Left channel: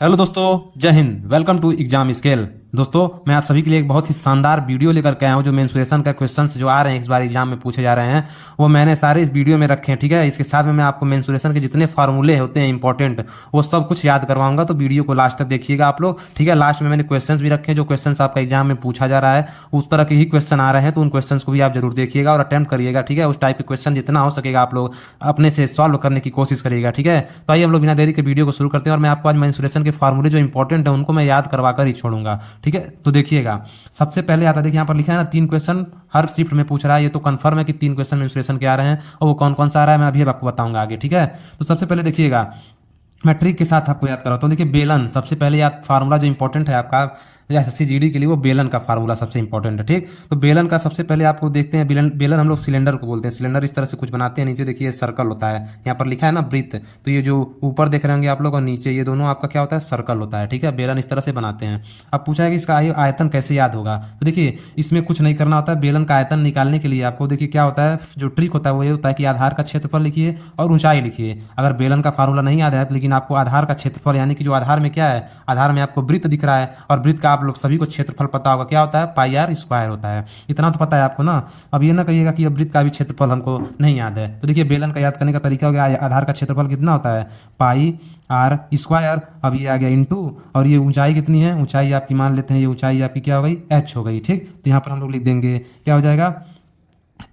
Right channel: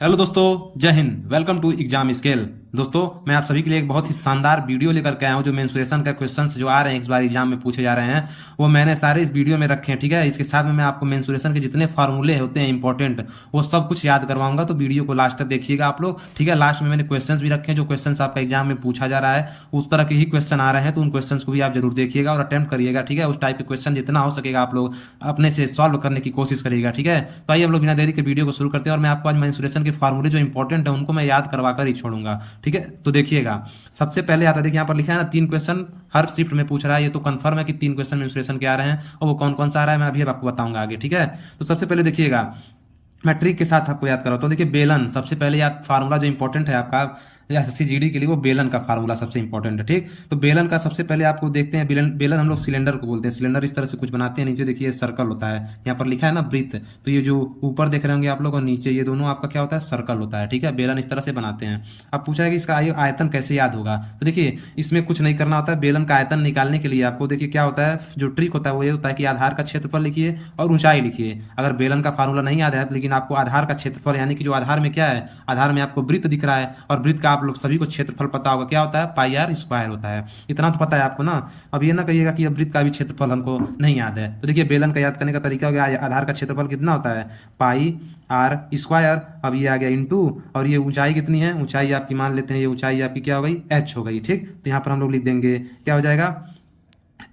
Hello दोस्तों, जय हिंद। Welcome to exam scale. दोस्तों, मैं आप सभी के लिए एक बहुत ही शानदार वीडियो लेकर के आया हूं। जो मेंसुरेशन का क्वेश्चंस जो आ रहे हैं इस बार एग्जाम में पूछे जा रहे हैं, वो मैंने सारे इस वीडियो में रखे हैं। ठीक है, इसके साथ में मैं आपको मेंसुरेशन के जितने फार्मूले होते हैं इंपॉर्टेंट, वो सब कुछ याद करवाऊंगा। तो वीडियो को लास्ट तक देखिएगा आप लोग। ठीक है, लास्ट में मैंने क्वेश्चंस भी रखे हैं, जो क्वेश्चंस आपका एग्जाम में पूछा जा रहा है उस तरह के ही क्वेश्चन आ रहे हैं। तो उन क्वेश्चंस को भी आप जरूर देखिएगा और अटेम्प्ट करिएगा। ठीक है, उस टाइप के क्वेश्चन जितना हो सकेगा आप लोग अपने से सॉल्व करने की कोशिश करिएगा। ठीक है, तो आइए हम लोग बिना देरी के वीडियो को शुरू करते हैं। और मैं आपको आज मेंसुरेशन के फार्मूले जो इंपॉर्टेंट है उनको मैं याद करवा कर ही छोड़ूंगा। ठीक है, तो देखिएगा। सबसे पहले आता है, देखिए यहाँ पर लिखा है ना, 3 क्वेश्चन हर शिफ्ट में पूछ रहा है। ये तो कंफर्म है कि 3 क्वेश्चन मेंसुरेशन के आ रहे हैं, और वो कौन कौन सा आ रहा है मैं अभी आपको बताऊंगा आगे। ठीक है, तो सबसे पहले देखिएगा, मैं ट्रिक के साथ आपको याद कराता हूँ। देखिए, बेलन सबसे पहले याद, फार्मूला जो इंपॉर्टेंट है आपका या एसएससी जीडी के लिए, वो बेलन का फार्मूला सबसे इंपॉर्टेंट है। ठीक, तो बेलन का सबसे पहले आपको देखते हैं। बेलन बेलन हम लोग सिलेंडर को बोलते हैं। सिलेंडर इस तरह से कुछ बनाते हैं, नीचे देखिए सर्कल होता है, यहाँ पर लिखा है ना वृत्त। तो ये जो ऊपर देख रहे होंगे आप लोग और नीचे, ये दोनों आपका क्या होता है, सर्कल होता है। ठीक है, बेलन इस तरह से बनाते हैं। अब पूछा है कि इसका आयतन कैसे याद होगा। तो देखिए, इसमें कुछ नहीं करना होता है। बेलन का आयतन निकालने के लिए आपको देखिए क्या होता है, जो ट्रिक होता है वो ये होता है कि आधार का क्षेत्रफल लिखिए और ऊंचाई लिखिए। अगर बेलन का फार्मूला नहीं याद है लेकिन आपको आधार का क्षेत्रफल, यानी कि जो आधार में क्या है, आधार में आपको वृत्त दिख रहा है, और वृत्त का आप लोग सभी को क्षेत्रफल पता होगा, क्या होता है, पाई आर स्क्वायर होता है। इतना तो पता है आपको ना। अब ये ना कहिएगा कि अब वृत्त का भी क्षेत्रफल हमको नहीं याद है। तो देखिए, बेलन का याद करने का तरीका हो गया, आधार का क्षेत्रफल कितना होता है, पाई आर स्क्वायर। अब ये आ गया इंटू, और ये ऊंचाई कितनी है, ऊंचाई आपकी मान लेते हैं, ये ऊंचाई आपकी क्या हो गई, एच हो गई। ठीक, तो यहाँ पर हम लोग लिख देंगे, क्या हो जाएगा,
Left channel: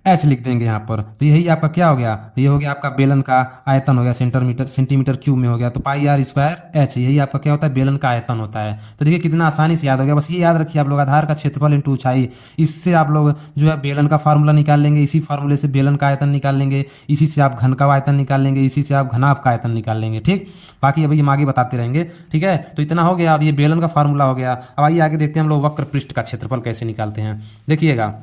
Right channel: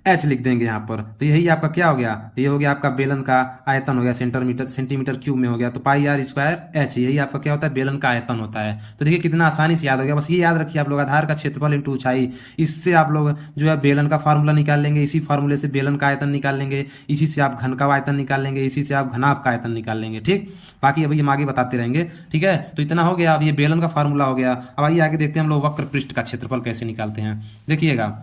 एच लिख देंगे यहाँ पर। तो यही आपका क्या हो गया, ये हो गया आपका बेलन का आयतन हो गया, सेंटीमीटर क्यूब में हो गया। तो पाई आर स्क्वायर एच, यही आपका क्या होता है, बेलन का आयतन होता है। तो देखिए कितना आसानी से याद हो गया। बस ये याद रखिए आप लोग, आधार का क्षेत्रफल इंटू ऊंचाई, इससे आप लोग जो है बेलन का फार्मूला निकाल लेंगे। इसी फार्मूले से बेलन का आयतन निकाल लेंगे, इसी से आप घन का आयतन निकाल लेंगे, इसी से आप घनाभ का आयतन निकाल लेंगे। ठीक, बाकी अभी हम आगे बताते रहेंगे। ठीक है, तो इतना हो गया। अब ये बेलन का फार्मूला हो गया। अब आइए आगे देखते हैं हम लोग वक्र पृष्ठ का क्षेत्रफल कैसे निकालते हैं। देखिएगा,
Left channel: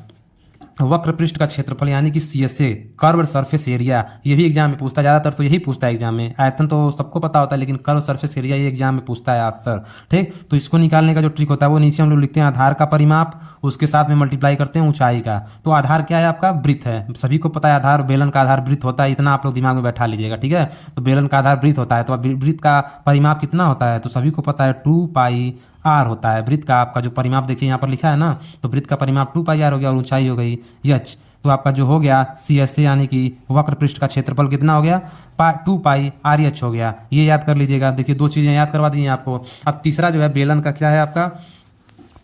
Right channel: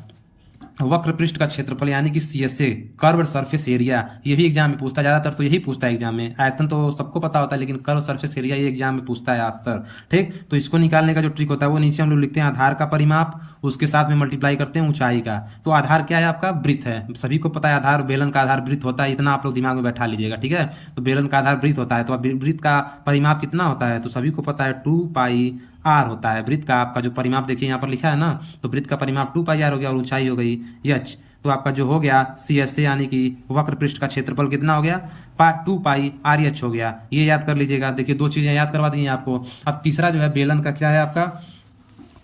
वक्र पृष्ठ का क्षेत्रफल यानी कि सीएसए, कर्व सरफेस एरिया, ये भी एग्जाम में पूछता है। ज्यादातर तो यही पूछता है एग्जाम में। आयतन तो सबको पता होता है, लेकिन कर्व सरफेस एरिया ये एग्जाम में पूछता है अक्सर। ठीक, तो इसको निकालने का जो ट्रिक होता है वो नीचे हम लोग लिखते हैं, आधार का परिमाप, उसके साथ में मल्टीप्लाई करते हैं ऊंचाई का। तो आधार क्या है आपका, वृत्त है। सभी को पता है आधार, बेलन का आधार वृत्त होता है, इतना आप लोग दिमाग में बैठा लीजिएगा। ठीक है, तो बेलन का आधार वृत्त होता है, तो वृत्त का परिमाप कितना होता है, तो सभी को पता है 2 पाई आर होता है। वृत्त का आपका जो परिमाप देखिए यहाँ पर लिखा है ना, तो वृत्त का परिमाप 2 पाई आर हो गया, और ऊंचाई हो गई एच। तो आपका जो हो गया सी एस ए, यानी कि वक्र पृष्ठ का क्षेत्रफल कितना हो गया, 2 पाई आर एच हो गया। ये याद कर लीजिएगा। देखिए, 2 चीजें याद करवा दी आपको। अब तीसरा जो है बेलन का क्या है आपका,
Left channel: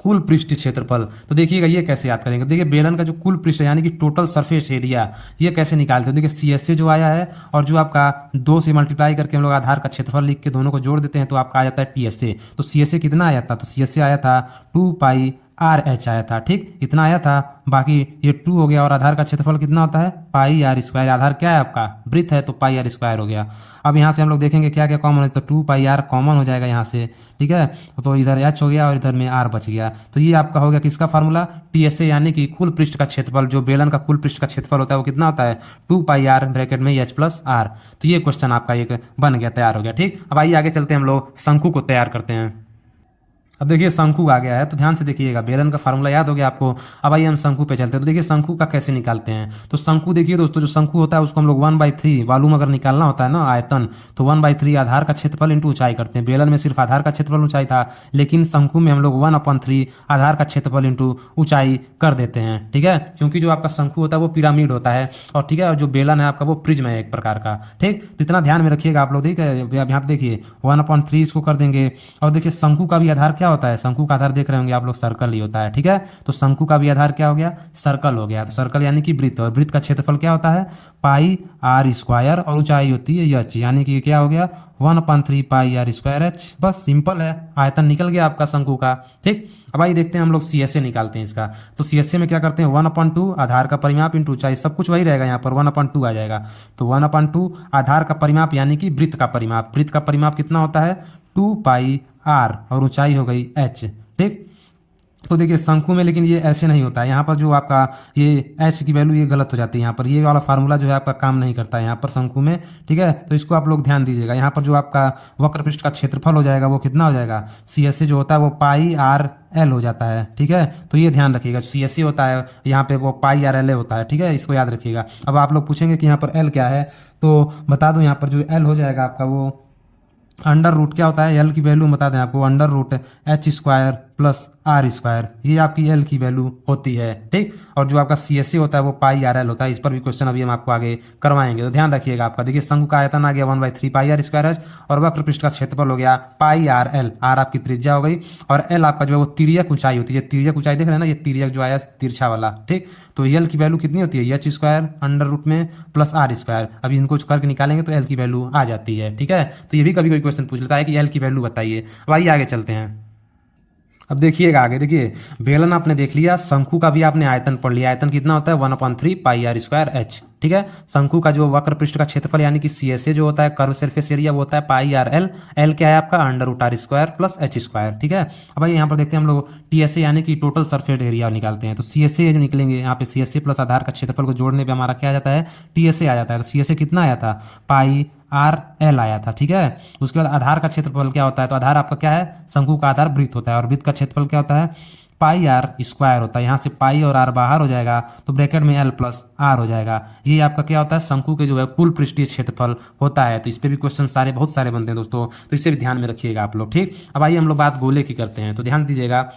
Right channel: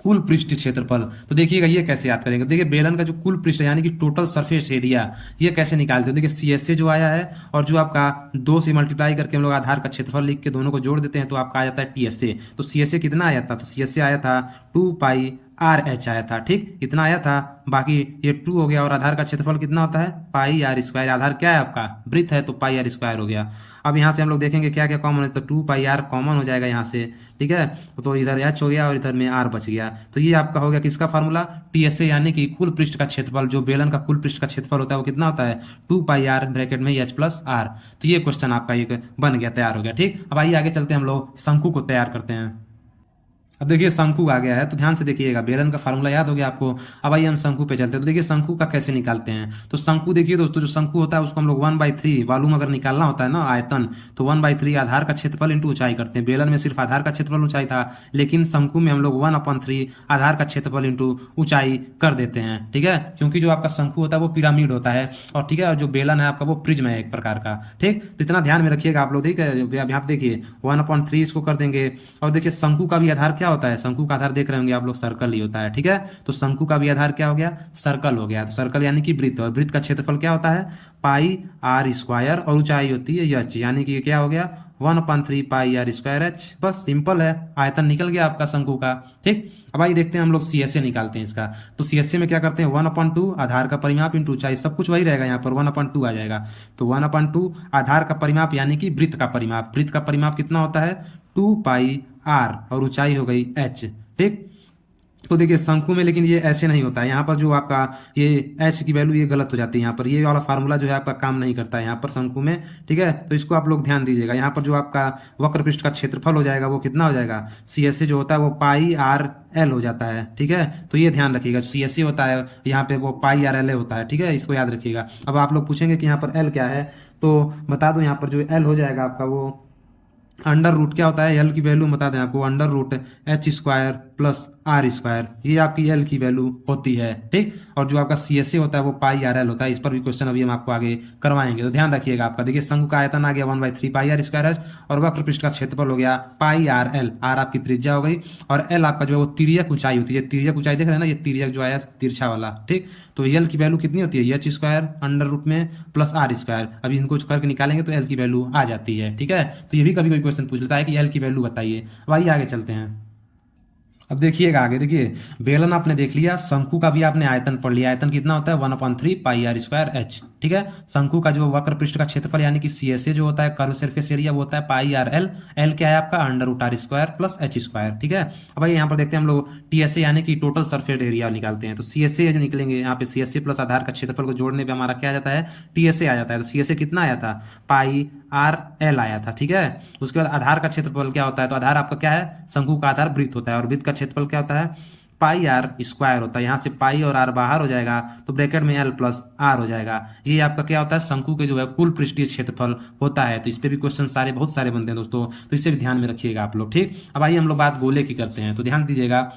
कुल पृष्ठ क्षेत्रफल। तो देखिएगा ये कैसे याद करेंगे। देखिए, बेलन का जो कुल पृष्ठ यानी कि टोटल सरफेस एरिया, ये कैसे निकालते हैं। देखिए, सीएसए जो आया है, और जो आपका 2 से मल्टीप्लाई करके हम लोग आधार का क्षेत्रफल लिख के दोनों को जोड़ देते हैं, तो आपका आ जाता है टीएसए। तो सीएसए कितना आया था, तो सीएसए आया था 2 पाई आर एच आया था। ठीक, इतना आया था। बाकी ये 2 हो गया, और आधार का क्षेत्रफल कितना होता है, पाई आर स्क्वायर। आधार क्या है आपका, वृत्त है, तो पाई आर स्क्वायर हो गया। अब यहाँ से हम लोग देखेंगे क्या क्या कॉमन है, तो 2 पाई आर कॉमन हो जाएगा यहाँ से। ठीक है, तो इधर एच हो गया और इधर में आर बच गया। तो ये आपका हो गया किसका फार्मूला, टीएसए, यानी कि कुल पृष्ठ का क्षेत्रफल। जो बेलन का कुल पृष्ठ का क्षेत्रफल होता है वो कितना होता है, 2 पाई आर ब्रैकेट में एच प्लस आर। तो ये क्वेश्चन आपका एक बन गया, तैयार हो गया। ठीक, अब आइए आगे चलते हैं, हम लोग शंकु को तैयार करते हैं। अब देखिए, शंकु आ गया है, तो ध्यान से देखिएगा। बेलन का फार्मूला याद हो गया आपको। अब आइए हम शंकु पे चलते हैं। तो देखिए, शंकु का कैसे निकालते हैं। तो शंकु देखिए दोस्तों, जो शंकु होता है उसको हम लोग 1/3 वॉल्यूम अगर निकालना होता है ना, आयतन, तो 1/3 आधार का क्षेत्रफल इंटू ऊंचाई करते हैं। बेलन में सिर्फ आधार का क्षेत्रफल ऊंचाई था, लेकिन शंकु में हम लोग 1/3 आधार का क्षेत्रफल इंटू ऊंचाई कर देते हैं। ठीक है, क्योंकि जो आपका शंकु होता है वो पिरामिड होता है, और ठीक है, और जो बेलन है आपका वो प्रिज्म है एक प्रकार का। ठीक, तो इतना ध्यान में रखिएगा आप लोग। ठीक है, यहाँ पे देखिए 1/3 इसको कर देंगे। और देखिए, शंकु का भी आधार क्या होता है, शंकु का आधार देख रहे होंगे आप लोग, सर्कल ही होता है। ठीक है, तो शंकु का भी आधार क्या हो गया, सर्कल हो गया। तो सर्कल यानी कि वृत्त, और वृत्त का क्षेत्रफल क्या होता है, पाई आर स्क्वायर, और ऊंचाई होती है एच, यानी कि क्या हो गया 1/3 पाई आर स्क्वायर एच। बस सिंपल है, आयतन निकल गया आपका शंकु का। ठीक, अब आइए देखते हैं हम लोग सीएसए निकालते हैं इसका। तो सीएसए में क्या करते हैं, 1/2 आधार का परिमाप इंटू ऊंचाई, सब कुछ वही रहेगा, यहाँ पर 1/2 आ जाएगा। तो 1/2 आधार का परिमाप यानी कि वृत्त का परिमाप। वृत्त का परिमाप कितना होता है, 2 पाई आर, और ऊंचाई हो गई एच। ठीक, तो देखिए शंकु में लेकिन ये ऐसे नहीं होता है। यहाँ पर जो आपका ये एच की वैल्यू ये गलत हो जाती है, यहाँ पर ये वाला फार्मूला जो है आपका काम नहीं करता है यहाँ पर शंकु में। ठीक है, तो इसको आप लोग ध्यान दीजिएगा। यहाँ पर जो आपका वक्र पृष्ठ का क्षेत्रफल हो जाएगा वो कितना हो जाएगा, सीएसए जो होता है वो पाई आर एल हो जाता है। ठीक है, तो ये ध्यान रखिएगा, सीएसए होता है यहाँ पे वो पाई आर एल होता है। ठीक है, इसको याद रखिएगा। अब आप लोग पूछेंगे कि यहाँ पर एल क्या है, तो बता दो, यहाँ पर जो एल हो जाएगा आपका वो अंडर रूट क्या होता है, एल की वैल्यू बता दें आपको, under root H square plus R square, ये आपकी एल की वैल्यू होती है। ठीक, और जो आपका सी एस सी होता है वो पाई आर एल होता है। इस पर भी क्वेश्चन अभी हम आपको आगे करवाएंगे, तो ध्यान रखिएगा आपका। देखिए शंकु का आयतन आ गया 1/3 पाई आर स्क्वायर एच, और वक्र पृष्ठ का क्षेत्रफल हो गया पाई आर एल, आर आपकी त्रिज्या हो गई, और एल आपका जो है वो तिर्यक ऊंचाई होती है। तिर्यक ऊंचाई देख रहे हैं ना, ये तिर्यक जो आया तिरछा वाला। ठीक, तो एल की वैल्यू कितनी होती है, एच स्क्वायर अंडर रूट में प्लस आर स्क्वायर। अभी इनको करके निकालेंगे तो एल की वैल्यू आ जाती है। ठीक है, तो ये भी कभी कोई क्वेश्चन पूछ लेता है कि एल की वैल्यू बताइए। अब आइए आगे चलते हैं। अब देखिएगा आगे, देखिए बेलन आपने देख लिया, शंकु का भी आपने आयतन पढ़ लिया। आयतन कितना होता है 1/3 पाई आर स्क्वायर एच। ठीक है, शंकु का जो वक्र पृष्ठ का क्षेत्रफल यानी कि सी एस ए जो होता है, कर्व सरफेस एरिया, वो होता है पाई आर एल। एल क्या है आपका under root R square plus H square. ठीक है, अब भाई यहाँ पर देखते हैं हम लोग टी एस ए यानी कि टोटल सरफेस एरिया निकालते हैं। तो सी एस ए जो निकलेंगे यहाँ पे, सी एस ए प्लस आधार का क्षेत्रफल को जोड़ने पे हमारा क्या आ जाता है, टी एस ए आ जाता है। तो सी एस ए कितना आया था, पाई आर एल आया था। ठीक है, उसके बाद आधार का क्षेत्रफल क्या होता है, तो आधार आपका क्या है, शंकु का आधार वृत्त होता है, और वृत्त का क्षेत्रफल क्या होता है, पाई आर स्क्वायर होता है। यहाँ से पाई और आर बाहर हो जाएगा, तो ब्रैकेट में एल प्लस आर हो जाएगा। ये आपका क्या होता है, शंकु के जो है कुल पृष्ठीय क्षेत्रफल होता है। तो इस पे भी क्वेश्चन सारे बहुत सारे बनते हैं दोस्तों, तो इसे भी ध्यान में रखिएगा आप लोग। ठीक, अब आइए हम लोग बात गोले की करते हैं। तो ध्यान दीजिएगा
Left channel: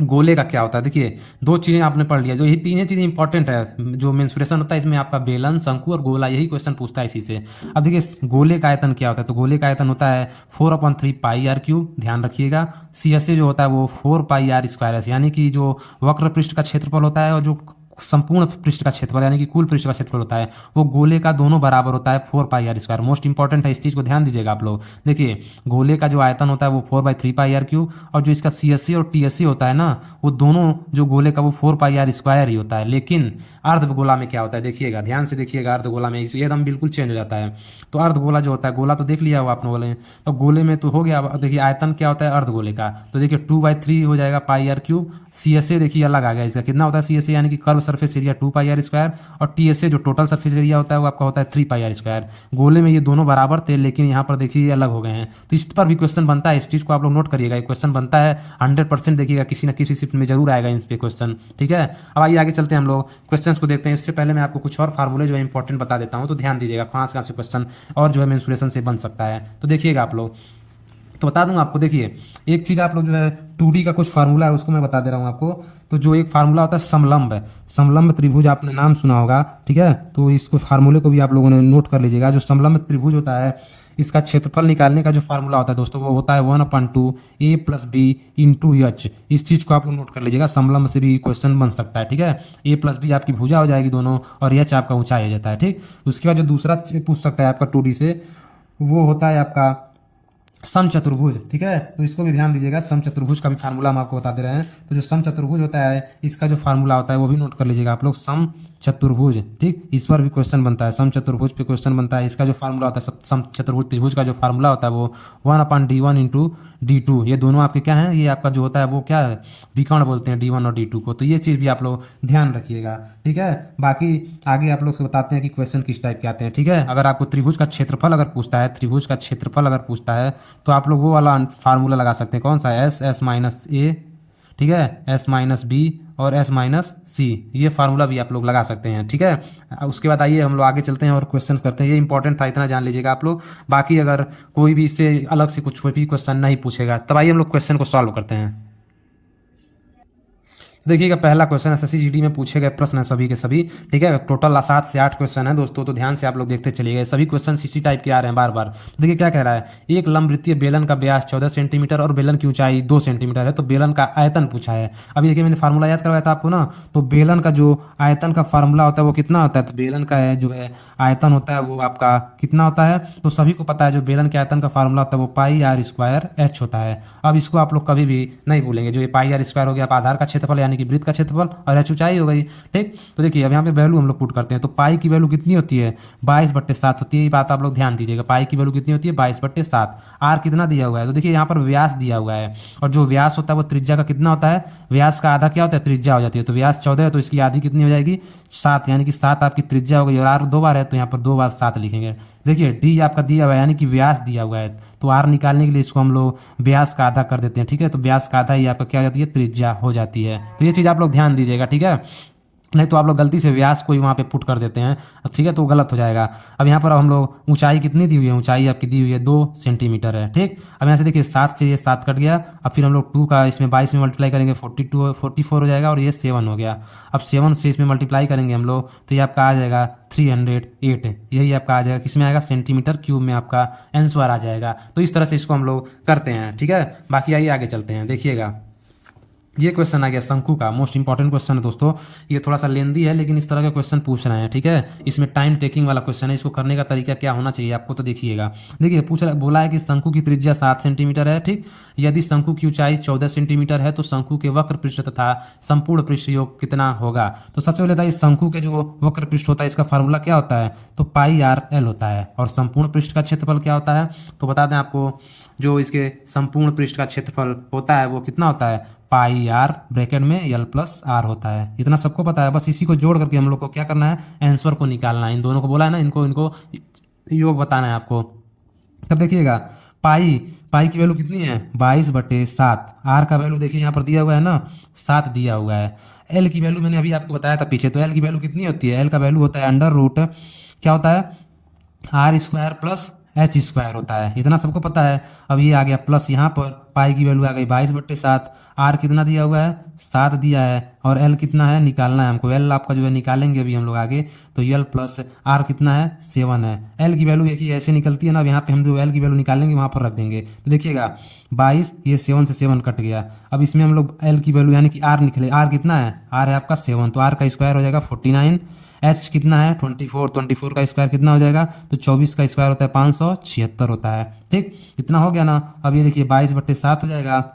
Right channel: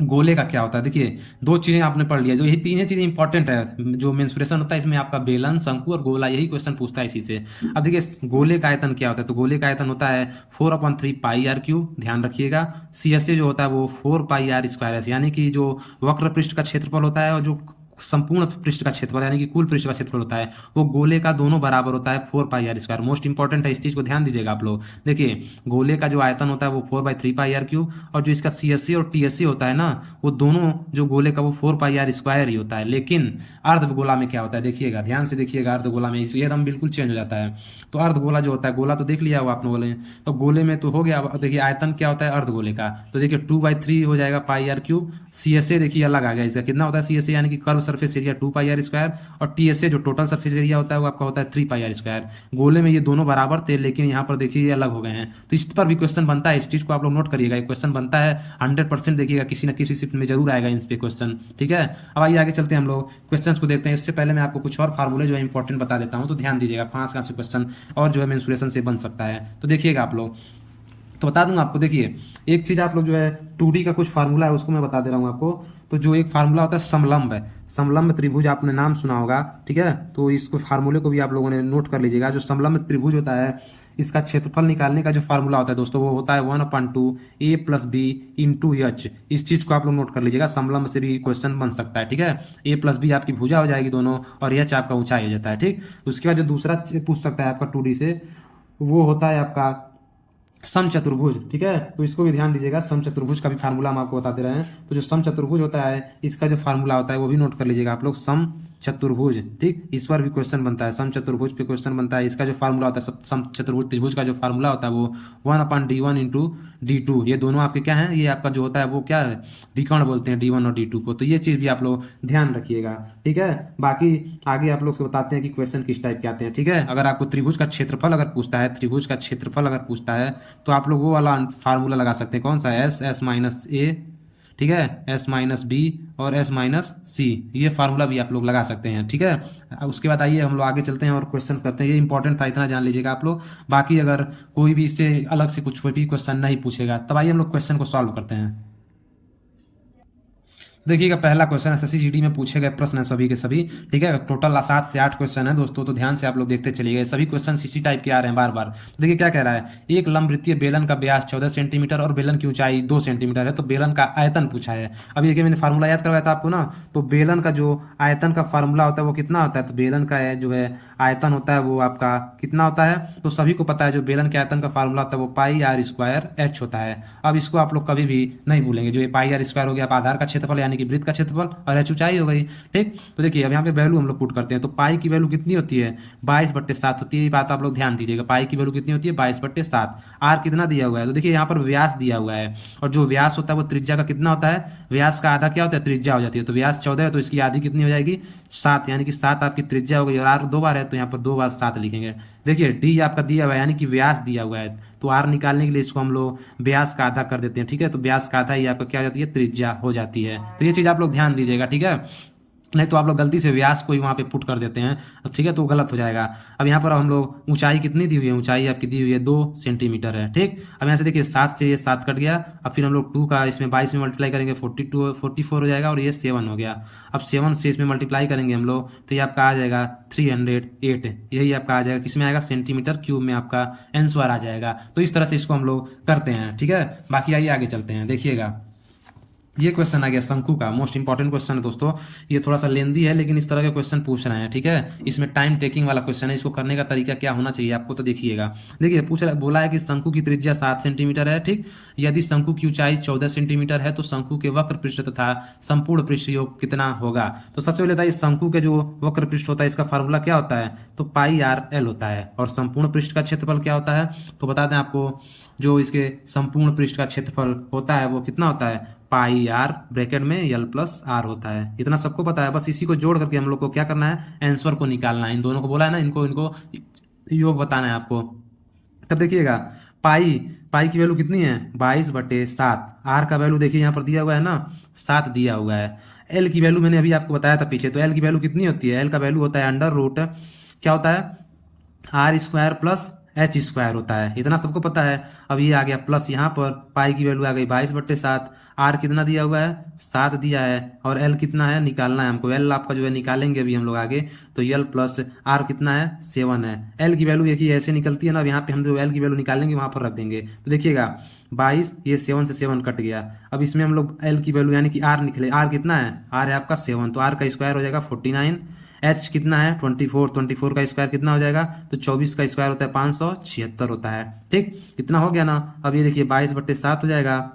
गोले का क्या होता है। देखिए दो चीजें आपने पढ़ लिया, जो ये तीन चीजें इंपॉर्टेंट है। जो मेंसुरेशन होता है इसमें आपका बेलन, शंकु और गोला, यही क्वेश्चन पूछता है इसी से। अब देखिए गोले का आयतन क्या होता है, तो गोले का आयतन होता है 4/3 पाई आर क्यूब। ध्यान रखिएगा, सी एस ए जो होता है वो 4 पाई आर स्क्वायर, यानी कि जो वक्र पृष्ठ का क्षेत्रफल होता है और जो संपूर्ण पृष्ठ का क्षेत्रफल यानी कि कुल पृष्ठ का क्षेत्रफल होता है, वो गोले का दोनों बराबर होता है 4 पाई आर स्क्वायर। मोस्ट इंपॉर्टेंट है, इस चीज को ध्यान दीजिएगा आप लोग। देखिए गोले का जो आयतन होता है वो 4/3 पाई आर क्यूब, और जो इसका सी एस सी और टी एस सी होता है ना, वो दोनों जो गोले का वो 4 पाई आर स्क्वायर ही होता है। लेकिन अर्धगोला में क्या होता है, देखिएगा ध्यान से देखिएगा, अर्धगोला में ये एकदम बिल्कुल चेंज हो जाता है। तो अर्धगोला जो होता है, गोला तो देख लिया हो आपने बोले, तो गोले में तो हो गया। देखिए आयतन क्या होता है अर्धगोले का, तो देखिए 2/3 हो जाएगा pi r cube. C S A देखिए अलग आ गया, इसका कितना होता है सी एस ए, यानी कि curve surface area 2 pi R square, और टी एस ए जो टोटल सरफेस एरिया होता है वो आपका होता है 3 पाई आर स्क्वायर। गोले में ये दोनों बराबर थे, लेकिन यहाँ पर देखिए ये अलग हो गए हैं। तो इस पर भी क्वेश्चन बनता है, इस चीज को आप लोग नोट करिएगा, क्वेश्चन बनता है 100%। देखिएगा किसी न किसी शिफ्ट में जरूर आएगा इन पे क्वेश्चन। ठीक है, अब आइए आगे चलते हैं, हम लोग क्वेश्चन को देखते हैं। इससे पहले मैं आपको कुछ और फार्मूले जो है इंपॉर्टेंट बता देता हूँ, तो ध्यान दीजिएगा कहाँ से क्वेश्चन और जो है मेंसुरेशन से बन सकता है। तो देखिएगा आप लोग, तो बता दूंगा आपको। देखिए एक चीज आप लोग जो है 2D का कुछ फार्मूला है उसको मैं बता दे रहा हूँ आपको। तो जो एक फार्मूला होता है समलंब है, समलंब त्रिभुज आपने नाम सुना होगा। ठीक है, तो इसको फार्मूले को भी आप लोगों ने नोट कर लीजिएगा। जो समलंब त्रिभुज होता है, इसका क्षेत्रफल निकालने का जो फार्मूला होता है दोस्तों, वो होता है 1/2 a plus B into H. इस चीज को आप लोग नोट कर लीजिएगा, समलंब से भी क्वेश्चन बन सकता है। ठीक है, a प्लस बी आपकी भुजा हो जाएगी दोनों, और एच आपका ऊंचाई हो जाता है। ठीक, उसके बाद जो दूसरा पूछ सकता है आपका 2D से, वो होता है आपका समचतुर्भुज। ठीक है, तो इसको भी ध्यान दीजिएगा, समचतुर्भुज का भी फार्मूला हम आपको बता दे रहे हैं। तो जो समचतुर्भुज होता है, इसका जो फार्मूला होता है वो भी नोट कर लीजिएगा आप लोग, समचतुर्भुज। ठीक, इस पर भी क्वेश्चन बनता है, समचतुर्भुज पे क्वेश्चन बनता है। इसका जो फार्मूला होता है, समचतुर्भुज त्रिभुज का जो फार्मूला होता है वो 1/d1 इंटू d2। ये दोनों आपके क्या है, ये आपका जो होता है वो क्या है, विकर्ण बोलते हैं d1 और d2 को। तो ये चीज भी आप लोग ध्यान रखिएगा। ठीक है, बाकी आगे आप लोग से बताते हैं कि क्वेश्चन किस टाइप के आते हैं। ठीक है, अगर आपको त्रिभुज का क्षेत्रफल अगर पूछता है, त्रिभुज का क्षेत्रफल अगर पूछता है, तो आप लोग वो वाला फार्मूला लगा सकते हैं। कौन सा, एस माइनस ए। ठीक है, एस माइनस बी और एस माइनस सी, ये फार्मूला भी आप लोग लगा सकते हैं। ठीक है, उसके बाद आइए हम लोग आगे चलते हैं और क्वेश्चन करते हैं। ये इंपॉर्टेंट था, इतना जान लीजिएगा आप लोग। बाकी अगर कोई भी इससे अलग से कुछ भी क्वेश्चन नहीं पूछेगा, तब आइए हम लोग क्वेश्चन को सॉल्व करते हैं। देखिएगा पहला क्वेश्चन एसएससी में पूछे गए प्रश्न है सभी के सभी। ठीक है, टोटल 7 से 8 क्वेश्चन है दोस्तों, तो ध्यान से आप लोग देखते चलिएगा। सभी क्वेश्चन इसी टाइप के आ रहे हैं बार बार। देखिए क्या कह रहा है, एक लंबवृत्तीय बेलन का व्यास 14 सेंटीमीटर और बेलन की ऊंचाई 2 सेंटीमीटर है, तो बेलन का आयतन पूछा है। अभी देखिए मैंने फार्मूला याद करवाया था आपको ना, तो बेलन का जो आयतन का फार्मूला होता है वो कितना होता है, तो बेलन का है जो है आयतन होता है वो आपका कितना होता है, तो सभी को पता है जो बेलन के आयतन का फार्मूला होता है वो पाई आर स्क्वायर एच होता है। अब इसको आप लोग कभी भी नहीं भूलेंगे, जो ये पाई आर स्क्वायर हो गया आधार का क्षेत्रफल यानी कि वृत्त का क्षेत्रफल, और एच ऊंचाई हो गई। ठीक, तो देखिए अब यहाँ पे वैल्यू हम लोग पुट करते हैं, तो पाई की वैल्यू कितनी होती है 22/7 होती है। ये बात आप लोग ध्यान दीजिएगा, पाई की वैल्यू कितनी होती है 22/7। आर कितना दिया हुआ है, तो देखिए यहाँ पर व्यास दिया हुआ है, और जो व्यास होता है वो त्रिज्या का कितना होता है, व्यास का आधा क्या होता है त्रिज्या हो जाती है। तो व्यास 14 है, तो इसकी आधी कितनी हो जाएगी 7, यानी कि 7 आपकी त्रिज्या हो गई, और आर 2 बार है तो यहाँ पर 2 बार 7 लिखेंगे। देखिए डी आपका दिया हुआ है यानी कि व्यास दिया हुआ है, तो आर निकालने के लिए इसको हम लोग व्यास का आधा कर देते हैं। ठीक है, तो व्यास का आधा ही आपका क्या हो जाती है त्रिज्या हो जाती है। तो ये चीज आप लोग ध्यान दीजिएगा। ठीक है, नहीं तो आप लोग गलती से व्यास को ही वहाँ पे पुट कर देते हैं, अब ठीक है, तो गलत हो जाएगा। अब यहाँ पर हम लोग ऊंचाई कितनी दी हुई है, ऊंचाई आपकी दी हुई है 2 सेंटीमीटर है, ठीक। अब यहाँ से देखिए 7 से ये 7 कट गया, अब फिर हम लोग 2 का इसमें 22 में मल्टीप्लाई करेंगे 44 हो जाएगा, और ये 7 हो गया। अब 7 से इसमें मल्टीप्लाई करेंगे हम लोग तो ये आपका आ जाएगा 308, यही आपका आ जाएगा, किसमें आएगा, सेंटीमीटर क्यूब में आपका आंसर आ जाएगा। तो इस तरह से इसको हम लोग करते हैं, ठीक है। बाकी आइए आगे चलते हैं, देखिएगा ये क्वेश्चन आ गया शंकु का, मोस्ट इंपॉर्टेंट क्वेश्चन है दोस्तों। ये थोड़ा सा लेंदी है लेकिन इस तरह के क्वेश्चन पूछ रहे हैं, ठीक है। इसमें टाइम टेकिंग वाला क्वेश्चन है, इसको करने का तरीका क्या होना चाहिए आपको, तो देखिएगा। देखिए बोला है कि शंकु की त्रिज्या 7 सेंटीमीटर है, ठीक। यदि शंकु की ऊंचाई 14 सेंटीमीटर है तो शंकु के वक्र पृष्ठ तथा संपूर्ण पृष्ठ योग कितना होगा। तो सबसे पहले था इस शंकु के जो वक्र पृष्ठ होता है इसका फार्मूला क्या होता है, तो पाई आर एल होता है। और संपूर्ण पृष्ठ का क्षेत्रफल क्या होता है, तो बता दें आपको, जो इसके संपूर्ण पृष्ठ का क्षेत्रफल होता है वो कितना होता है, पाई आर ब्रैकेट में एल प्लस आर होता है। इतना सबको पता है, बस इसी को जोड़ करके हम लोग को क्या करना है, आंसर को निकालना है। इन दोनों को बोला है ना, इनको योग बताना है आपको। तब देखिएगा पाई की वैल्यू कितनी है, 22/7। आर का वैल्यू देखिए यहाँ पर दिया हुआ है ना, 7 दिया हुआ है। एल की वैल्यू मैंने अभी आपको बताया था पीछे, तो एल की वैल्यू कितनी होती है, एल का वैल्यू होता है अंडर रूट क्या होता है, R square plus H square होता है। इतना सबको पता है। अब ये आ गया प्लस, यहाँ पर पाई की वैल्यू आ गई 22/7। आर कितना दिया हुआ है, 7 दिया है, और एल कितना है निकालना है हमको। एल आपका जो है निकालेंगे अभी हम लोग आगे, तो एल प्लस आर कितना है, 7 है। एल की वैल्यू एक ही ऐसे निकलती है ना, अब यहाँ पे हम जो एल की वैल्यू निकालेंगे वहां पर रख देंगे। तो देखिएगा 22, ये 7 से 7 कट गया। अब इसमें हम लोग एल की वैल्यू यानी कि आर निकले, आर कितना है, आर है आपका 7, तो आर का स्क्वायर हो जाएगा 49। एच कितना है 24 का स्क्वायर कितना हो जाएगा, तो 24 का स्क्वायर होता है 576 होता है, ठीक। इतना हो गया ना। अब ये देखिए 22/7 हो जाएगा,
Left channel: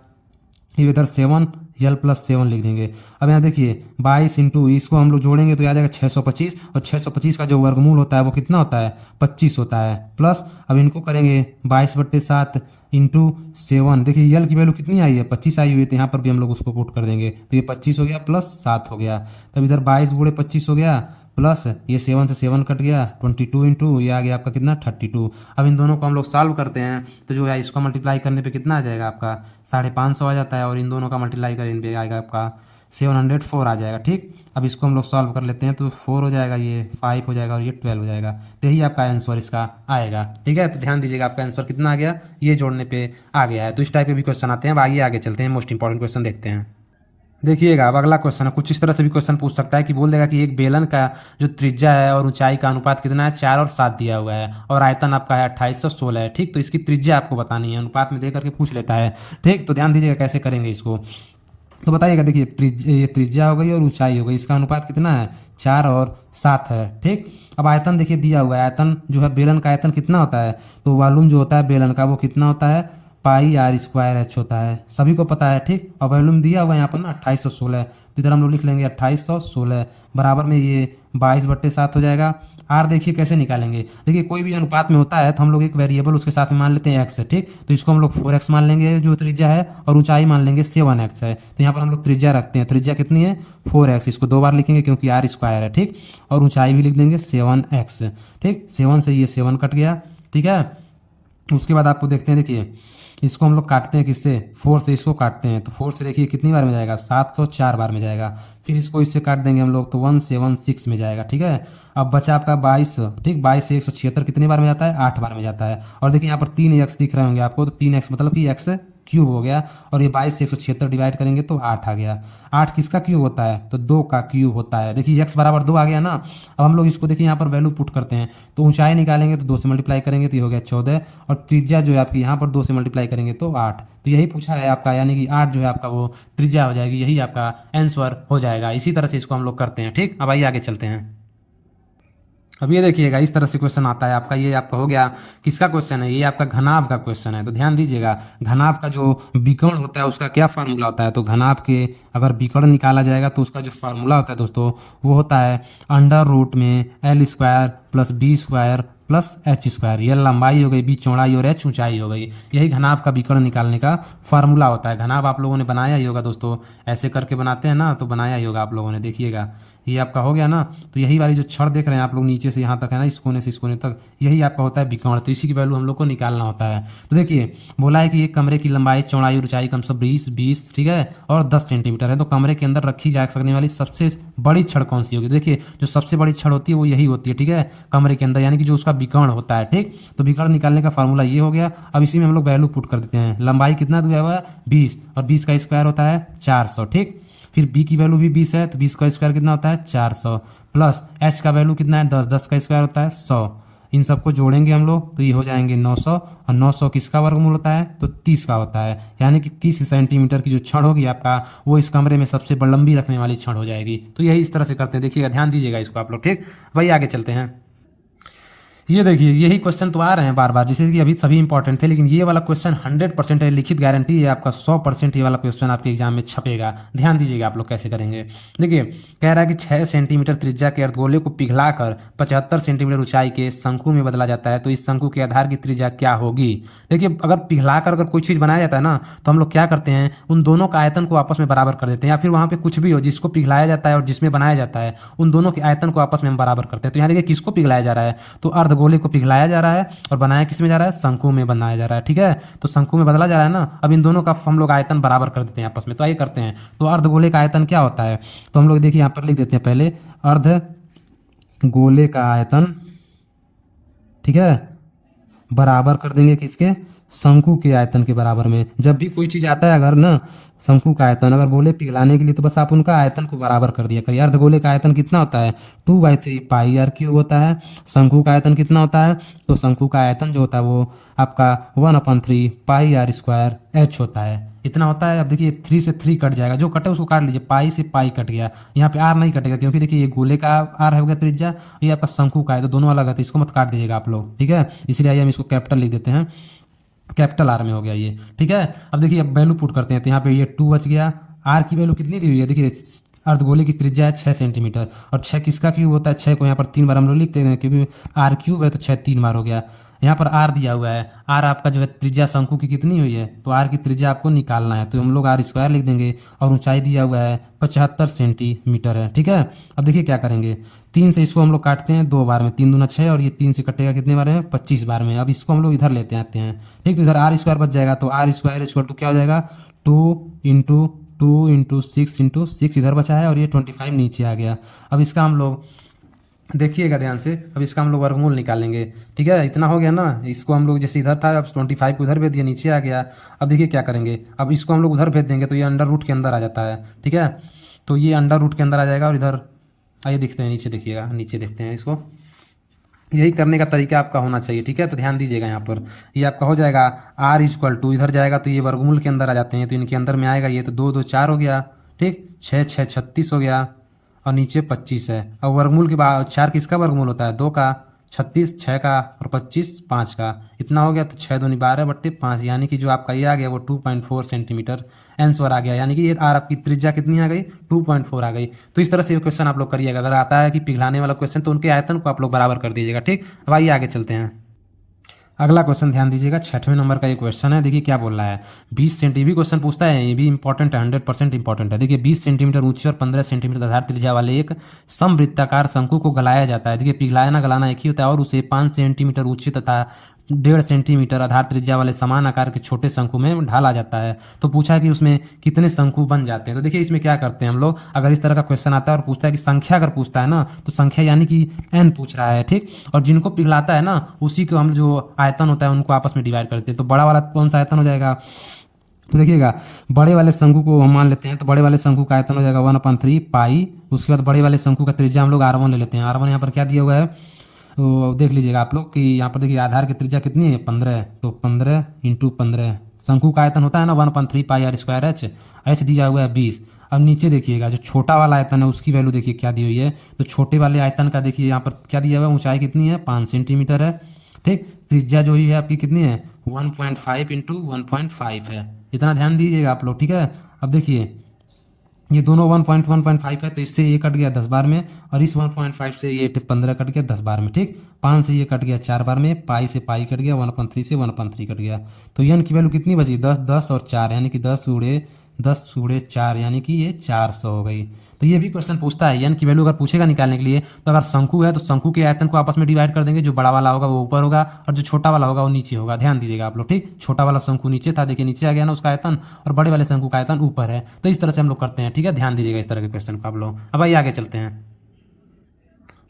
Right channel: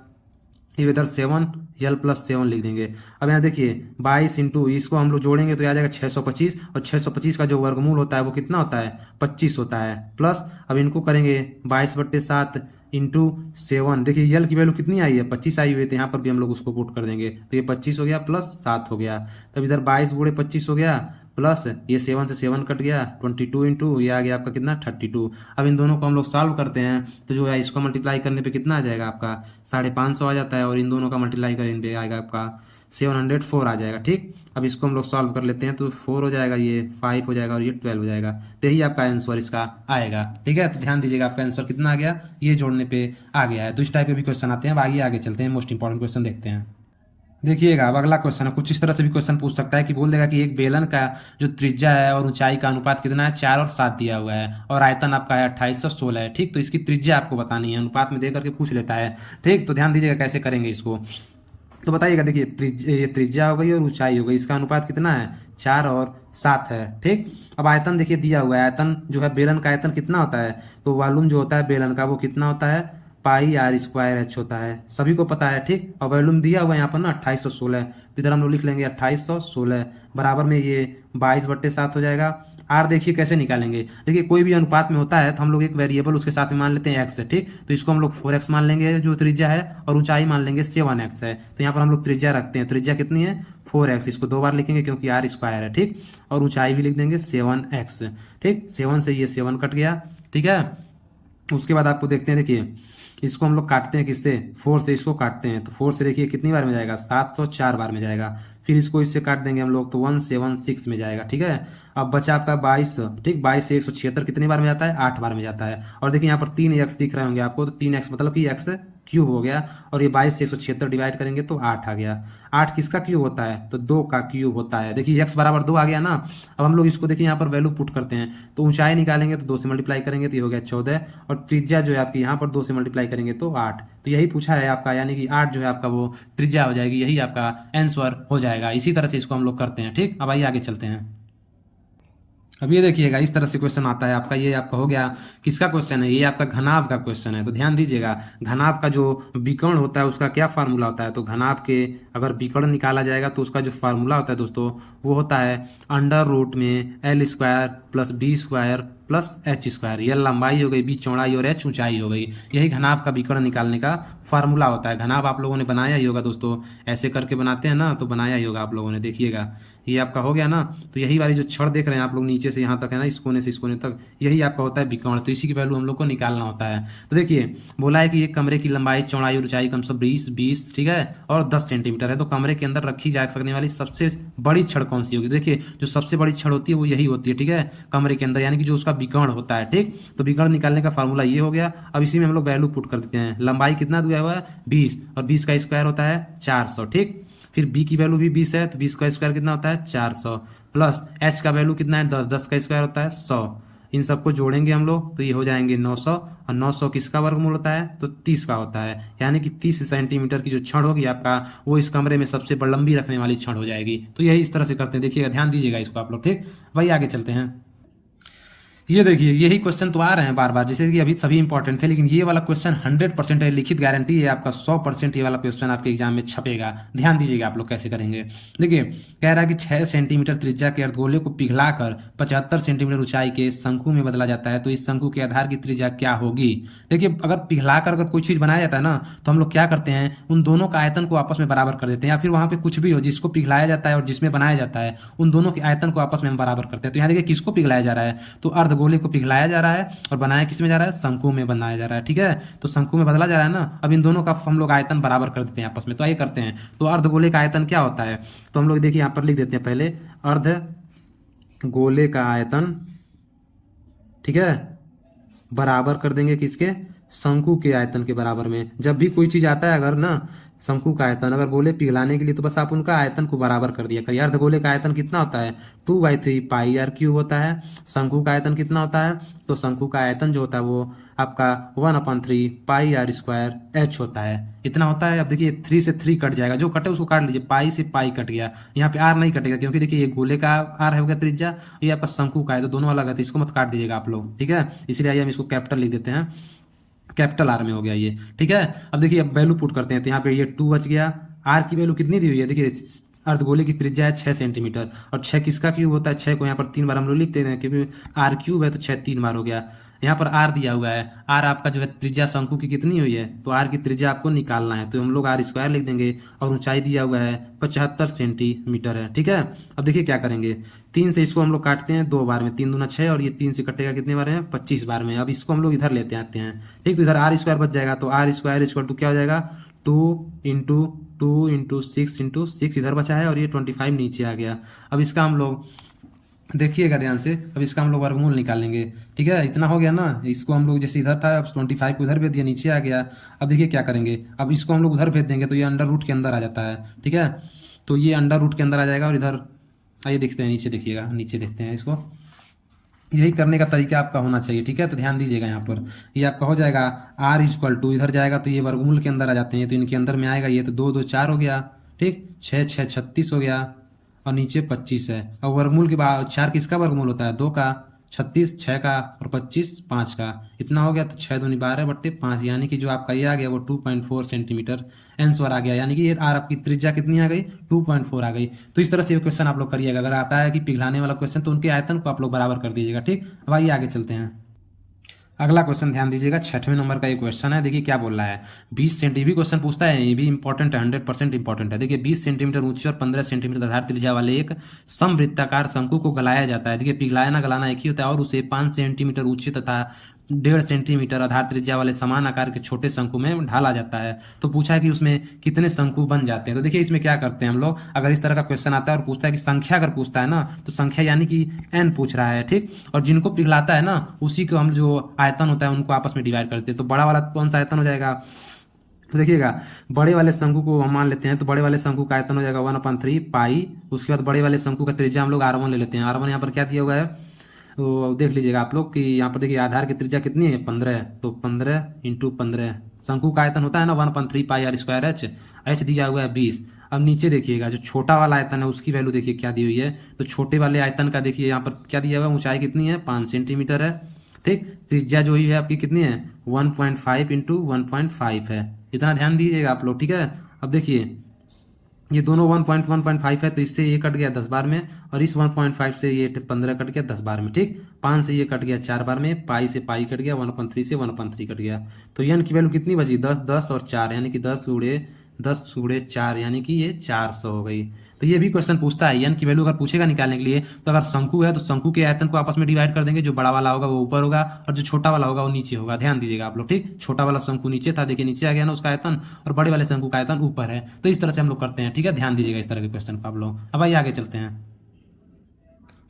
ये इधर 7 एल प्लस 7 लिख देंगे। अब यहाँ देखिए 22 इंटू इसको हम लोग जोड़ेंगे तो आ जाएगा 625, और 625 का जो वर्गमूल होता है वो कितना होता है, 25 होता है। प्लस अब इनको करेंगे 22/7 इंटू 7, देखिए यल की वैल्यू कितनी आई है, 25 आई हुई है, तो यहाँ पर भी हम लोग उसको पुट कर देंगे, तो ये 25 हो गया प्लस 7 हो गया। तब इधर 22 गुणे 25 हो गया, प्लस ये 7 से 7 कट गया, 22 इंटू ये आ गया आपका कितना 32। अब इन दोनों को हम लोग सॉल्व करते हैं तो जो है इसको मल्टीप्लाई करने पे कितना आ जाएगा आपका 550 आ जाता है, और इन दोनों का मल्टीप्लाई करने पे आएगा आपका 704 आ जाएगा, ठीक। अब इसको हम लोग सॉल्व कर लेते हैं तो 4 हो जाएगा, ये 5 हो जाएगा, और ये 12 हो जाएगा। तो यही आपका आंसर इसका आएगा, ठीक है। तो ध्यान दीजिएगा आपका आंसर कितना आ गया, ये जोड़ने पे आ गया है। तो इस टाइप के भी क्वेश्चन आते हैं। अब आगे चलते हैं, मोस्ट इंपॉर्टेंट क्वेश्चन देखते हैं। देखिएगा अब अगला क्वेश्चन है, कुछ इस तरह से भी क्वेश्चन पूछ सकता है कि बोल देगा कि एक बेलन का जो त्रिज्या है और ऊंचाई का अनुपात कितना है, 4 और 7 दिया हुआ है, और आयतन आपका है 2816 है, ठीक। तो इसकी त्रिज्या आपको बतानी है, अनुपात में दे करके पूछ लेता है, ठीक। तो ध्यान दीजिएगा कैसे करेंगे इसको, तो बताइएगा। देखिए ये त्रिज्या हो गई और ऊंचाई हो गई, इसका अनुपात कितना है, 4 और 7 है, ठीक। अब आयतन देखिए दिया हुआ है, आयतन जो है बेलन का आयतन कितना होता है, तो वॉल्यूम जो होता है बेलन का वो कितना होता है, पाई आर स्क्वायर एच होता है, सभी को पता है, ठीक। और वॉल्यूम दिया हुआ है यहाँ पर ना 2816, तो इधर हम लोग लिख लेंगे 2816 बराबर में ये 22/7 हो जाएगा। आर देखिए कैसे निकालेंगे, देखिए कोई भी अनुपात में होता है तो हम लोग एक वेरिएबल उसके साथ में मान लेते हैं एक्स है, ठीक। तो इसको हम लोग 4x मान लेंगे जो त्रिज्या है, और ऊंचाई मान लेंगे 7x है। तो यहाँ पर हम लोग त्रिज्या रखते हैं, त्रिज्या कितनी है 4x, इसको 2 बार लिखेंगे क्योंकि आर स्क्वायर है, ठीक। और ऊंचाई भी लिख देंगे 7x, ठीक। 7 से ये 7 कट गया, ठीक है। उसके बाद आपको देखते हैं, देखिए इसको हम लोग काटते हैं किससे, 4 से इसको काटते हैं, तो 4 से देखिए कितनी बार में जाएगा, 704 बार में जाएगा। फिर इसको इससे काट देंगे हम लोग तो 176 में जाएगा, ठीक है। अब बचा आपका 22, ठीक। 22 से 176 कितनी बार में जाता है, 8 बार में जाता है। और देखिए यहाँ पर 3x दिख रहे होंगे आपको, तो 3x मतलब कि x क्यूब हो गया, और ये 22 से 176 डिवाइड करेंगे तो 8 आ गया। 8 किसका क्यूब होता है, तो 2 का क्यूब होता है। देखिए x बराबर 2 आ गया ना। अब हम लोग इसको देखिए यहाँ पर वैल्यू पुट करते हैं, तो ऊंचाई निकालेंगे तो 2 से मल्टीप्लाई करेंगे तो ये हो गया 14, और त्रिज्या जो है आपकी यहाँ पर 2 से मल्टीप्लाई करेंगे तो 8। तो यही पूछा है आपका, यानी कि 8 जो है आपका वो त्रिज्या हो जाएगी, यही आपका आंसर हो जाएगा। इसी तरह से इसको हम लोग करते हैं, ठीक। अब आइए आगे चलते हैं। अब ये देखिएगा इस तरह से क्वेश्चन आता है आपका, ये आपका हो गया किसका क्वेश्चन है, ये आपका घनाभ का क्वेश्चन है। तो ध्यान दीजिएगा, घनाभ का जो विकर्ण होता है उसका क्या फार्मूला होता है, तो घनाभ के अगर विकर्ण निकाला जाएगा तो उसका जो फार्मूला होता है दोस्तों वो होता है अंडर रूट में L square plus B square plus H square. ये लंबाई हो गई, बी चौड़ाई, और एच ऊंचाई हो गई। यही घनाभ का विकर्ण निकालने का फार्मूला होता है। घनाभ आप लोगों ने बनाया ही होगा दोस्तों, ऐसे करके बनाते हैं ना, तो बनाया ही होगा आप लोगों ने, देखिएगा ये आपका हो गया ना। तो यही वाली जो छड़ देख रहे हैं आप लोग नीचे से यहाँ तक है ना, इस कोने से इस कोने तक, यही आपका होता है विकर्ण। तो इसी की वैल्यू हम लोग को निकालना होता है। तो देखिए बोला है कि एक कमरे की लंबाई, चौड़ाई और ऊंचाई कम से कम 20 ठीक है, और 10 सेंटीमीटर है। तो कमरे के अंदर रखी जा सकने वाली सबसे बड़ी छड़ कौन सी होगी? देखिए जो सबसे बड़ी छड़ होती है वो यही होती है, ठीक है, कमरे के अंदर, यानी कि जो उसका विकर्ण होता है। ठीक, तो विकर्ण निकालने का फॉर्मूला ये हो गया। अब इसी में हम लोग वैल्यू पुट कर देते हैं। लंबाई कितना दिया हुआ है? 20, और 20 का स्क्वायर होता है 400। ठीक, फिर बी की वैल्यू भी 20 है, तो 20 का स्क्वायर कितना होता है? 400, प्लस एच का वैल्यू कितना है? 10, 10 का स्क्वायर होता है 100। इन सबको जोड़ेंगे हम लोग तो ये हो जाएंगे 900, और 900 किसका वर्गमूल होता है? तो 30 का होता है, यानी कि 30 सेंटीमीटर की जो छड़ होगी आपका, वो इस कमरे में सबसे लंबी रखने वाली छड़ हो जाएगी। तो यही इस तरह से करते हैं, देखिएगा, ध्यान दीजिएगा इसको आप लोग। ठीक भाई, आगे चलते हैं। ये देखिए यही क्वेश्चन तो आ रहे हैं बार बार, जैसे कि अभी सभी इंपॉर्टेंट थे, लेकिन ये वाला क्वेश्चन 100% है, लिखित गारंटी है आपका 100% ये वाला क्वेश्चन आपके एग्जाम में छपेगा। ध्यान दीजिएगा आप लोग कैसे करेंगे। देखिए कह रहा है कि 6 सेंटीमीटर त्रिज्या के अर्धगोले को पिघलाकर 75 सेंटीमीटर ऊंचाई के शंकु में बदला जाता है, तो इस शंकु के आधार की त्रिज्या क्या होगी? देखिए अगर पिघलाकर अगर कोई चीज बनाया जाता है ना, तो हम लोग क्या करते हैं, उन दोनों का आयतन को आपस में बराबर कर देते हैं, या फिर वहां पे कुछ भी हो जिसको पिघलाया जाता है और जिसमें बनाया जाता है, उन दोनों के आयतन को आपस में हम बराबर करते हैं। तो यहाँ देखिए किसको पिघलाया जा रहा है? तो अर्धगोले को पिघलाया जा रहा है, और बनाया किस में जा रहा है? शंकु में बनाया जा रहा है। ठीक है, तो शंकु में बदला जा रहा है ना। अब इन दोनों का हम लोग आयतन बराबर कर देते हैं आपस में। तो आइए करते हैं। तो अर्धगोले का आयतन क्या होता है? तो हम लोग देखिए यहाँ पर लिख देते हैं पहले, अर्धगोले का आयतन, ठीक है, बराबर कर देंगे किसके? शंकु के आयतन के बराबर में। जब भी कोई चीज आता है अगर ना, शंकु का आयतन अगर बोले पिघलाने के लिए, तो बस आप उनका आयतन को बराबर कर दिया करिए। अर्धगोले का आयतन कितना होता है? 2/3 पाई आर क्यूब होता है। शंकु का आयतन कितना होता है? तो शंकु का आयतन जो होता है वो आपका 1/3 पाई आर स्क्वायर एच होता है, इतना होता है। अब देखिए 3 से 3 कट जाएगा, जो कटे उसको काट लीजिए, पाई से पाई कट गया, यहाँ पे आर नहीं कटेगा, क्योंकि देखिए ये गोले का आर है त्रिज्या, ये आपका शंकु का है, तो दोनों अलग है, तो इसको मत काट दीजिएगा आप लोग। ठीक है, इसलिए हम इसको कैपिटल लिख देते हैं, कैपिटल आर में हो गया ये। ठीक है, अब देखिए अब वैल्यू पुट करते हैं, तो यहाँ पे ये 2 बच गया। आर की वैल्यू कितनी दी हुई है? देखिए अर्धगोले की त्रिज्या है 6 सेंटीमीटर, और 6 किसका क्यूब होता है? 6 को यहाँ पर 3 बार हम लोग लिखते हैं, क्योंकि आर क्यूब है तो 6 3 बार हो गया। यहाँ पर आर दिया हुआ है, आर आपका जो है त्रिज्या शंकु की कितनी हुई है, तो आर की त्रिज्या आपको निकालना है, तो हम लोग आर स्क्वायर लिख देंगे, और ऊंचाई दिया हुआ है 75 सेंटीमीटर है। ठीक है, अब देखिए क्या करेंगे, 3 से इसको हम लोग काटते हैं 2 बार में, 3 दूना 6, और ये 3 से कटेगा कितने बार है? 25 बार में। अब इसको हम लोग इधर लेते आते हैं। ठीक, तो इधर आर स्क्वायर बच जाएगा, तो आर स्क्वायर इक्वल टू क्या हो जाएगा? 2 × 2 × 6 × 6 इधर बचा है, और ये 25 नीचे आ गया। अब इसका हम लोग देखिएगा ध्यान से, अब इसका हम लोग वर्गमूल निकालेंगे। ठीक है, इतना हो गया ना, इसको हम लोग जैसे इधर था, अब 25 को उधर भेज दिया, नीचे आ गया। अब देखिए क्या करेंगे, अब इसको हम लोग उधर भेज देंगे, तो ये अंडर रूट के अंदर आ जाता है। ठीक है, तो ये अंडर रूट के अंदर आ जाएगा, और इधर आइए देखते हैं, नीचे देखिएगा, नीचे देखते हैं इसको। यही करने का तरीका आपका होना चाहिए। ठीक है, तो ध्यान दीजिएगा, यहाँ पर ये आपका हो जाएगा आर इक्वल टू, इधर जाएगा तो ये वर्गमूल के अंदर आ जाते हैं, तो इनके अंदर में आएगा ये, तो 2 2 4 हो गया। ठीक, 6 6 36 हो गया, और नीचे 25 है। अब वर्गमूल के बाद 4 किसका वर्गमूल होता है? 2 का, 36 6 का, और 25 5 का, इतना हो गया। तो 6 दूनी 12/5, यानी कि जो आपका ये आ गया वो 2.4 सेंटीमीटर आंसर आ गया, यानी कि ये आर आपकी त्रिज्या कितनी आ गई? 2.4 आ गई। तो इस तरह से ये क्वेश्चन आप लोग करिएगा। अगर आता है कि पिघलाने वाला क्वेश्चन, तो उनके आयतन को आप लोग बराबर कर दीजिएगा। ठीक, अब आइए आगे चलते हैं। अगला क्वेश्चन ध्यान दीजिएगा, 6वें नंबर का ये क्वेश्चन है। देखिए क्या बोल रहा है, 20 सेंटीमीटर क्वेश्चन पूछता है, ये भी इंपॉर्टेंट है, 100% इंपॉर्टेंट है। देखिए 20 सेंटीमीटर ऊंची और 15 सेंटीमीटर आधार त्रिज्या वाले एक समवृत्ताकार शंकु को गलाया जाता है। देखिए पिघलाना गलाना एक ही होता है, और उसे 5 सेंटीमीटर ऊंची तथा 1.5 सेंटीमीटर आधार त्रिज्या वाले समान आकार के छोटे शंकु में ढाला जाता है। तो पूछा है कि उसमें कितने शंकु बन जाते हैं। तो देखिए इसमें क्या करते हैं हम लोग, अगर इस तरह का क्वेश्चन आता है और पूछता है कि संख्या, अगर पूछता है ना, तो संख्या यानी कि n पूछ रहा है। ठीक, और जिनको पिघलाता है ना, उसी को हम जो आयतन होता है उनको आपस में डिवाइड करते हैं। तो बड़ा वाला कौन सा आयतन हो जाएगा? तो देखिएगा बड़े वाले शंकु को हम मान लेते हैं, तो बड़े वाले शंकु का आयतन हो जाएगा 1/3 पाई। उसके बाद बड़े वाले शंकु का त्रिज्या हम लोग r1 ले लेते हैं। r1 यहाँ पर क्या दिया हुआ है, तो देख लीजिएगा आप लोग कि यहाँ पर देखिए आधार की त्रिज्या कितनी है? 15 है, तो 15 × 15 शंकु का आयतन होता है ना 1/3 पाई आर स्क्वायर एच, एच दिया हुआ है 20। अब नीचे देखिएगा जो छोटा वाला आयतन है उसकी वैल्यू देखिए क्या दी हुई है, तो छोटे वाले आयतन का देखिए यहाँ पर क्या दिया हुआ है, ऊंचाई कितनी है? 5 सेंटीमीटर है। ठीक, त्रिज्या जो ही है आपकी कितनी है? 1.5 × 1.5 है, इतना ध्यान दीजिएगा आप लोग। ठीक है, अब देखिए ये दोनों 1.1.5 है, तो इससे ये कट गया 10 बार में, और इस 1.5 से ये 15 कट गया 10 बार में। ठीक, 5 से ये कट गया 4 बार में, पाई से पाई कट गया, 1/3 से 1/3 कट गया। तो n की वैल्यू कितनी बची? 10 10 और 4, यानी कि 10 × 10 गुणे 4 यानी कि ये 400 हो गई। तो ये भी क्वेश्चन पूछता है n की वैल्यू अगर पूछेगा निकालने के लिए, तो अगर शंकु है तो शंकु के आयतन को आपस में डिवाइड कर देंगे, जो बड़ा वाला होगा वो ऊपर होगा और जो छोटा वाला होगा वो नीचे होगा। ध्यान दीजिएगा आप लोग, ठीक। छोटा वाला शंकु नीचे था, देखिए नीचे आ गया ना उसका आयतन, और बड़े वाले शंकु का आयतन ऊपर है। तो इस तरह से हम लोग करते हैं, ठीक है। ध्यान दीजिएगा इस तरह के क्वेश्चन को आप लोग। अब आइए आगे चलते हैं।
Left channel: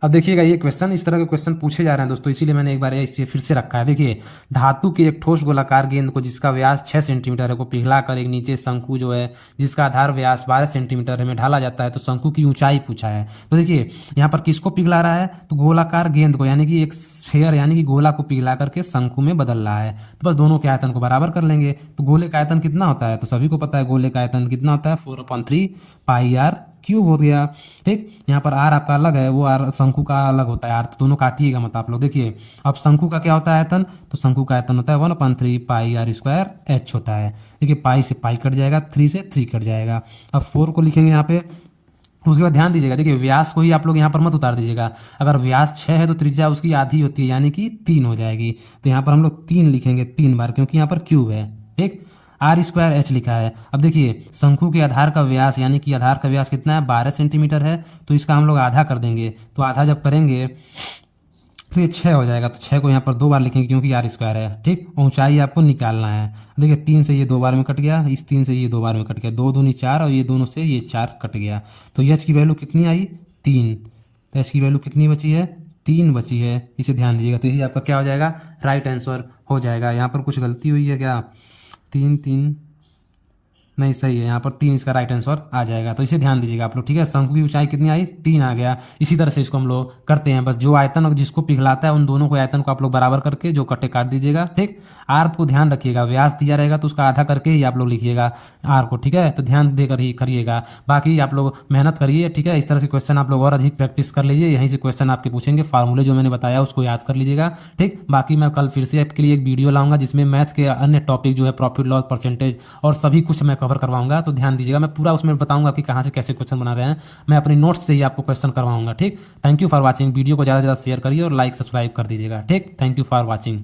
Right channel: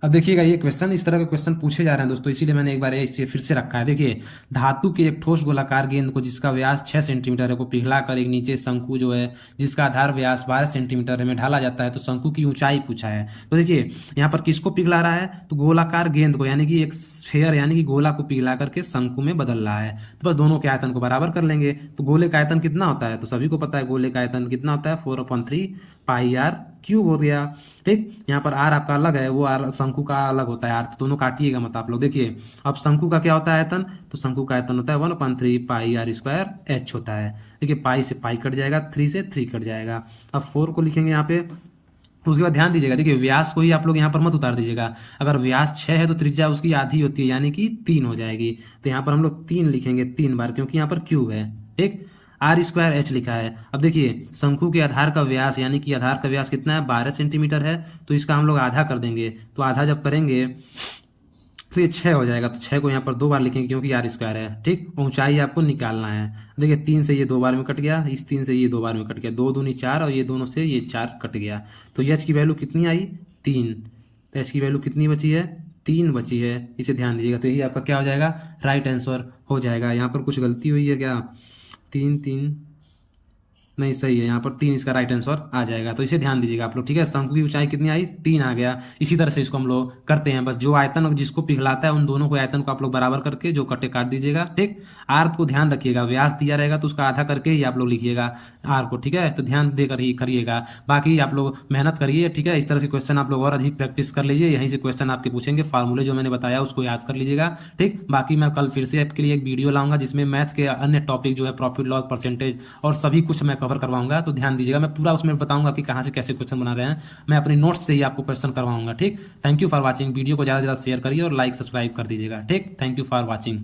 अब देखिएगा ये क्वेश्चन, इस तरह के क्वेश्चन पूछे जा रहे हैं दोस्तों, इसीलिए मैंने एक बार इसे फिर से रखा है। देखिए, धातु के एक ठोस गोलाकार गेंद को जिसका व्यास 6 सेंटीमीटर है को पिघलाकर एक नीचे शंकु जो है जिसका आधार व्यास 12 सेंटीमीटर है में ढाला जाता है, तो शंकु की ऊंचाई पूछा है। तो देखिए यहाँ पर किसको पिघला रहा है, तो गोलाकार गेंद को, यानी कि एक स्फेयर यानी कि गोला को पिघला करके शंकु में बदल रहा है। तो बस दोनों के आयतन को बराबर कर लेंगे। तो गोले का आयतन कितना होता है, तो सभी को पता है गोले का आयतन कितना होता है, 4/3 पाई आर क्यूब हो गया, ठीक। यहाँ पर आर आपका अलग है, वो आर शंकु का अलग होता है, आर तो दोनों काटिएगा मत आप लोग। देखिए अब शंकु का क्या होता है आयतन, तो शंकु का आयतन होता है 1/3 पाई आर स्क्वायर एच होता है। देखिए पाई से पाई कट जाएगा, 3 से 3 कट जाएगा। अब 4 को लिखेंगे यहाँ पे। उसके बाद ध्यान दीजिएगा, देखिए व्यास को ही आप लोग यहाँ पर मत उतार दीजिएगा। अगर व्यास 6 है तो त्रिज्या उसकी आधी होती है, यानी कि 3 हो जाएगी। तो यहाँ पर हम लोग 3 लिखेंगे 3 बार, क्योंकि यहाँ पर क्यूब है, ठीक। आर स्क्वायर एच लिखा है। अब देखिए शंकु के आधार का व्यास, यानी कि आधार का व्यास कितना है, 12 सेंटीमीटर है। तो इसका हम लोग आधा कर देंगे। तो आधा जब करेंगे तो ये 6 हो जाएगा। तो 6 को यहाँ पर 2 बार लिखेंगे, क्योंकि आर स्क्वायर है, ठीक। ऊंचाई आपको निकालना है। देखिए 3 से ये 2 बार में कट गया, इस 3 से ये 2 बार में कट गया, 2 दूनी 4 और ये दोनों से ये 4 कट गया। तो एच की वैल्यू कितनी आई, 3। तो एच की वैल्यू कितनी बची है, 3 बची है। इसे ध्यान दीजिएगा। तो ये आपका क्या हो जाएगा, राइट आंसर हो जाएगा। यहाँ पर कुछ गलती हुई है क्या, 3 नहीं सही है, यहाँ पर 3 इसका राइट आंसर आ जाएगा। तो इसे ध्यान दीजिएगा आप लोग, ठीक है। शंकु की ऊंचाई कितनी आई, 3 आ गया। इसी तरह से इसको हम लोग करते हैं। बस जो आयतन और जिसको पिघलाता है उन दोनों को आयतन को आप लोग बराबर करके जो कट्टे काट दीजिएगा, ठीक। आर को ध्यान रखिएगा, व्यास दिया रहेगा तो उसका आधा करके ही आप लोग लिखिएगा आर को, ठीक है। तो ध्यान देकर ही करिएगा। बाकी आप लोग मेहनत करिए, ठीक है। इस तरह से क्वेश्चन आप लोग और अधिक प्रैक्टिस कर लीजिए। यहीं से क्वेश्चन आपके पूछेंगे, फार्मूले जो मैंने बताया उसको याद कर लीजिएगा, ठीक। बाकी मैं कल फिर से आपके लिए एक वीडियो लाऊंगा जिसमें मैथ्स के अन्य टॉपिक जो है प्रॉफिट लॉस परसेंटेज और सभी कुछ मैं कवर करवाऊंगा। तो ध्यान दीजिएगा, मैं पूरा उसमें बताऊंगा कि कहां से कैसे क्वेश्चन बना रहे हैं। मैं अपने नोट्स से ही आपको क्वेश्चन करवाऊंगा, ठीक। Thank you for watching. Video को ज़्यादा से ज़्यादा शेयर करिए और लाइक सब्सक्राइब कर दीजिएगा, ठीक। Thank you for watching.